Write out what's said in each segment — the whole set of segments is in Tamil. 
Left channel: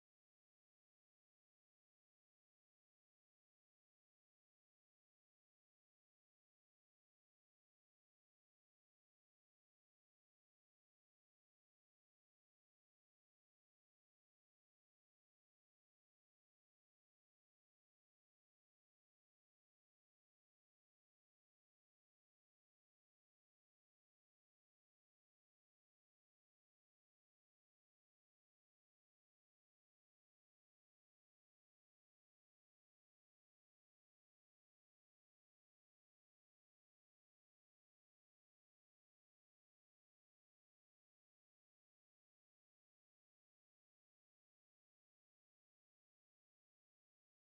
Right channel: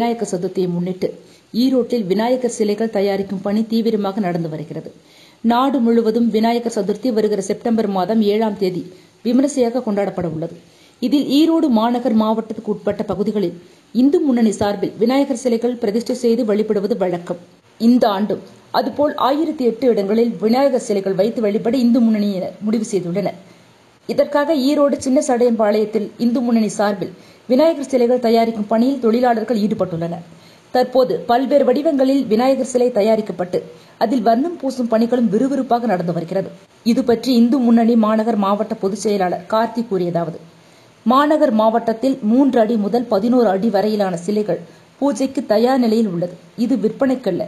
விநாயகர் சதுர்த்தியை முன்னிட்டு ஈரோட்டில் விநாயகர் சிலைகள் தயாரிக்கும் பணி தீவிரமாக நடந்து வருகிறது. நாடு முழுவதும் விநாயகர் சதுர்த்தி வருகிற செப்டம்பர் மாதம் 7ஆம் தேதி விமரிசையாக கொண்டாடப்பட உள்ளது. இதில் ஈரோடு மாநகர் மாவட்டத்துக்கு உட்பட்ட பகுதிகளில் இந்து முன்னணி சார்பில் விநாயகர் சிலைகள் பிரதிஷ்டை செய்து வழிபடுவது வழக்கம். இந்த ஆண்டும் அதுபோல் 1008 இடங்களில் விநாயகர் சிலைகள் வைத்து வழிபட இந்து முன்னணியினர் முடிவு செய்துள்ளனர். இதற்காக ஈரோடு சின்ன சடையம்பாளையத்தில் இந்து முன்னணி சார்பில் விநாயகர் சிலைகள் தயாரிக்கும் பணியில் தொழிலாளர்கள் ஈடுபட்டுள்ளனர். தற்போது பல்வேறு வடிவங்களில் விநாயகர் சிலை தயாரிக்கப்பட்டு அதில் வர்ணம் பூசும் பணிகளும் விறுவிறுப்பாக நடந்து வருகிறது. இதுபற்றி இந்து முன்னணி மாநகர் மாவட்ட பொதுச் செயலாளர் கார்த்தி கூறியதாவது: மாநகர் மாவட்டத்தில் 3 அடி முதல் 11 அடி வரையிலான சிலைகள் பூஜைக்கு தயார் நிலையில் உள்ளது. இது விற்பனைக்கல்ல,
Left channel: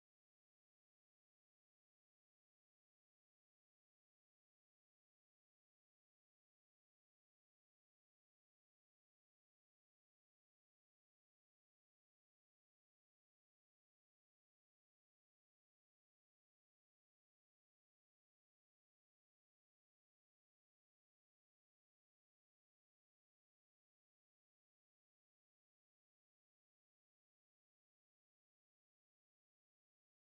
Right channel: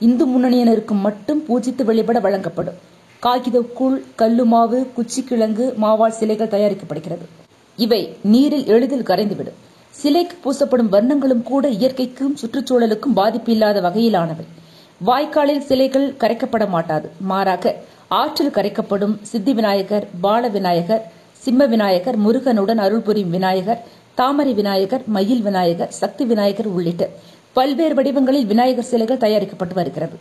இந்து முன்னணியினருக்கு மட்டும் பூஜித்து வழிபட வழங்கப்படும். காகிதக்கூழ், கல்லுமாவு, குச்சிக்கிழங்கு மாவால் சிலைகள் தயாரிக்கப்படுகிறது. இவை நீரில் எளிதில் கரைந்துவிடும். சிலைக்கு பூசப்படும் வர்ணங்களும் கூட இயற்கைக்கும் சுற்றுச்சூழலுக்கும் பாதிப்பு இல்லாத வகையிலானவை. வாய்க்காலில் சிலைகள் கரைக்கப்பட மாட்டாது, மாறாக ஆற்றில் கரைக்கப்படும். சித்தி விநாயகர், பால விநாயகர், சிம்ம விநாயகர், முருகனுடன் அருள் புரியும் விநாயகர், தாமரை விநாயகர், மயில் விநாயகர், சக்தி விநாயகர் உள்ளிட்ட பல்வேறு வடிவங்களில் விநாயகர் சிலைகள் தயாரிக்கப்பட்டு வருகிறது.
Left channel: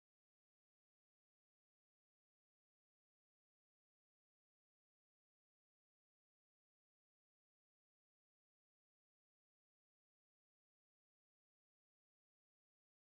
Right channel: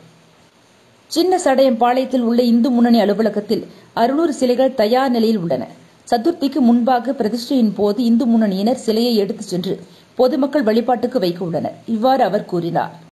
சின்ன சடையம்பாளையத்தில் உள்ள இந்து முன்னணி அலுவலகத்தில் 600 சிலைகள் தயார் நிலையில் உள்ளன. சதுர்த்திக்கு முன்பாக பிரதிஷ்டையின் போது இந்து முன்னணியினர் சிலையை எடுத்துச் சென்று பொதுமக்கள் வழிபாட்டுக்கு வைக்க உள்ளனர். இவ்வாறு அவர் கூறினார்.